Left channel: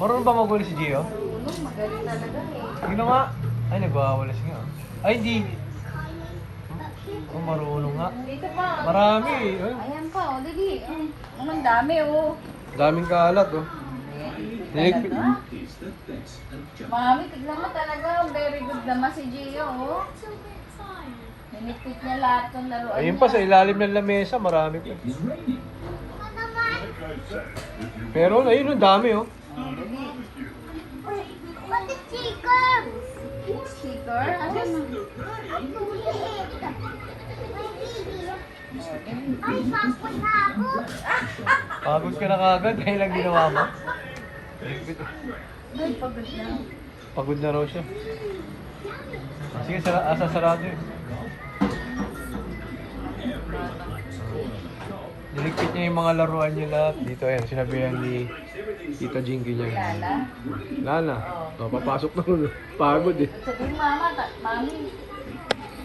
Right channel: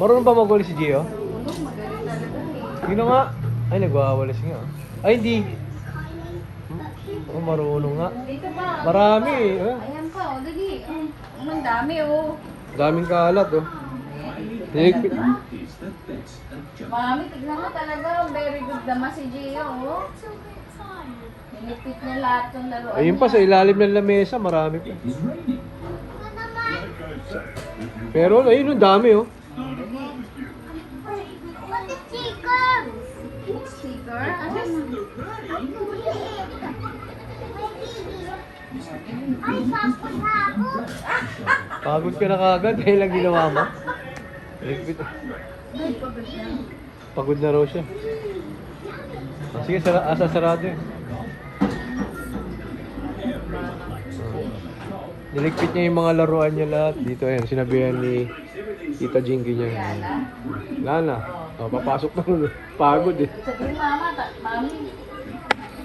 Marunong ba magwala si Gio? Magaling talaga. Sino nga? Ay, nagwawala siya. Ay, hindi. Ay, marunong nga. Dito pa. Marami eh. Ayan pa, o dali. Ang dami, oh. Daming kalat oh. Niligpit. Marami, tignan mo talaga. Very good naman si Gio, oh. Nilipit niya lahat ng laruan. Ayun pa sa ilalim ng lamesa, marami pa. Pero ayun, ang dami oh. Pati sticker! Sticker? Ano yun? Ay, sapot-sapot! Habis ka na kagad dahil lang ginawa mo. Doon, pagod na. Pagod na raw siya. Sige, sarado yun. Niligpit niya yung mga laruan niya lahat. Dito ayun, sinabihan ni Tita Jinky niya. Lala? Lala. Oh, papasok na ulo. Pagod eh. Sabi mo, mama, mami,